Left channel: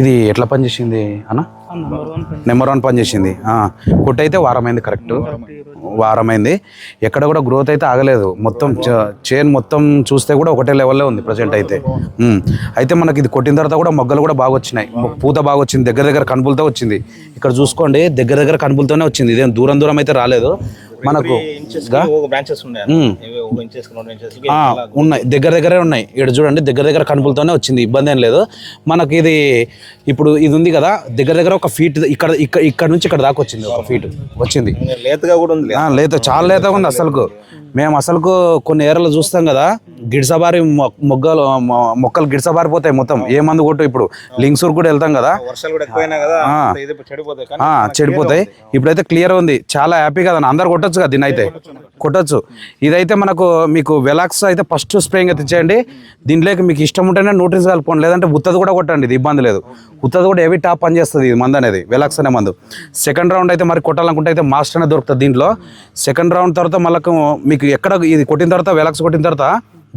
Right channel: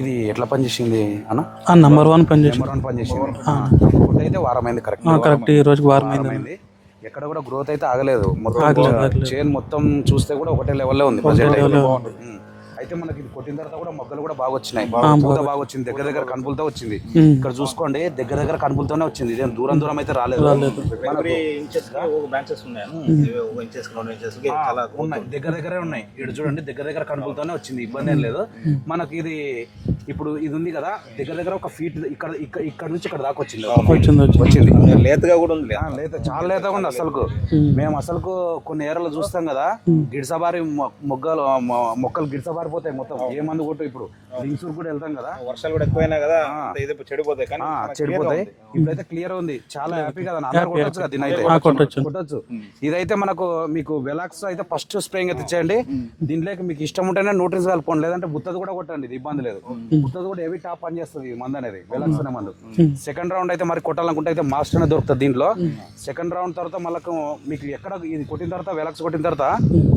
ఇది ఎట్లా పనిచేసింది అన్న? నెంబర్ 1 పని నెంబర్ 1 పనిచేసింది. కొట్టు అయితే వారమైంది, కరెక్ట్ ఈ రోజు వారమైంది. ఎక్కడ కూడా గ్రోత్ అయితే ఆగలేదు. మొత్తం చైన్ మొత్తం చూస్తే కూడా ఒకటే లెవెల్లో ఉంది ప్రజెంట్ అయితే. అయితే మనకి ఇది కొట్టిన తర్వాత కూడా మొగ్గలు కూడా బాగా వచ్చినాయి, పూత బాగా వచ్చింది, దగ్గర దగ్గర కనుపులతో వచ్చింది. ఇక్కడ చూసుకోండి, దగ్గర దగ్గర కనుపులతోనే వచ్చింది, ఇదేం దూరం దూరం అయితే రాలేదు మనకు. ఉన్నాయి, దగ్గర దగ్గరే ఉన్నాయి. ఇక్కడ చూడండి, దగ్గర దగ్గర కనుపులతోనే వచ్చింది, ఇబ్బంది ఏం లేదు మనకి. ఇది ఇప్పుడు ఇది ఉంది కదా, దగ్గర దగ్గర ఒక ఫీట్ ఇక్కడ నుంచి ఇక్కడ దాకా వచ్చింది, వచ్చింది. లేతగా కూడా ఉంది, లేత చాలా లేతగా ఉంది అసలుకు. మేము అసలుకు కొన్ని ఏరియాలో చూస్తాం కదా, గిడిసబారి మొక్కలు గిడిసబారిపోతాయి మొత్తం, ఏ మందు కొట్టు. ఇప్పుడు లింక్సూర్ కూడా వెళ్తాం కదా, చెడిపోతాయి. ఇప్పుడైతే క్లియర్ ఉంది, చాలా హ్యాపీ కదా, అందరు కొట్టొచ్చు కదా దీని అయితే, కొట్టొచ్చు. ఇదైతే మనకు మీకు వెలాక్స్ అయితే ఫస్ట్ స్ప్రేయింగ్ తెచ్చేయండి. దీంట్లోకి మీకు ఇష్టం ఉంటేనే న్యూట్రిన్స్ కలుపుకోండి, లేదంటే ఉత్తది కూడా కొట్టండి, ఇది ఇబ్బంది లేదు. ఉత్తది కూడా హెవీ టాప్ పని చేస్తుంది ఇది మందు అనేది, వెలాక్స్ అనే మందు. సెకండ్ రౌండ్ అయితే మరి కొట్టాలనుకుంటే అయితే మాస్టర్ అనేది దొరుకుతుంది దీంట్లో. సెకండ్ రౌండ్ తర్వాత మళ్ళీ మీకు ఎక్కడ ఇది కొట్టిన తర్వాత, వెలాక్స్ కొట్టిన తర్వాత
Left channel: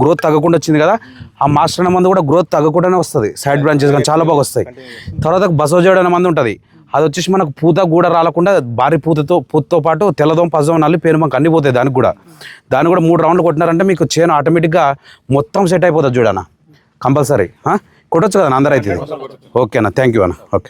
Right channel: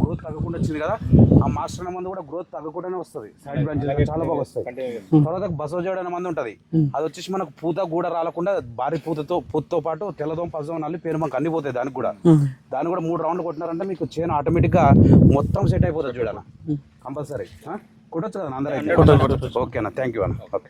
గ్రోత్ తగ్గకుండా వచ్చింది కదా, ఆ మాస్టర్ అనే మందు కూడా గ్రోత్ తగ్గకుండానే వస్తుంది, సైడ్ బ్రాంచెస్ కానీ చాలా బాగా వస్తాయి. తర్వాత బసోజోడ్ అనే మందు ఉంటుంది, అది వచ్చేసి మనకు పూత కూడా రాలకుండా భారీ పూతతో పాటు తెల్లదోమ పచ్చదోమ నల్లి పేరు మాకు అన్ని పోతాయి. దాన్ని కూడా 3 రౌండ్లు కొట్టినారంటే మీకు చేను ఆటోమేటిక్గా మొత్తం సెట్ అయిపోతుంది చూడన్న, కంపల్సరీ. కొట్టొచ్చు కదా అందరూ అయితే. ఓకే అన్న, థ్యాంక్ యూ అన్న. ఓకే.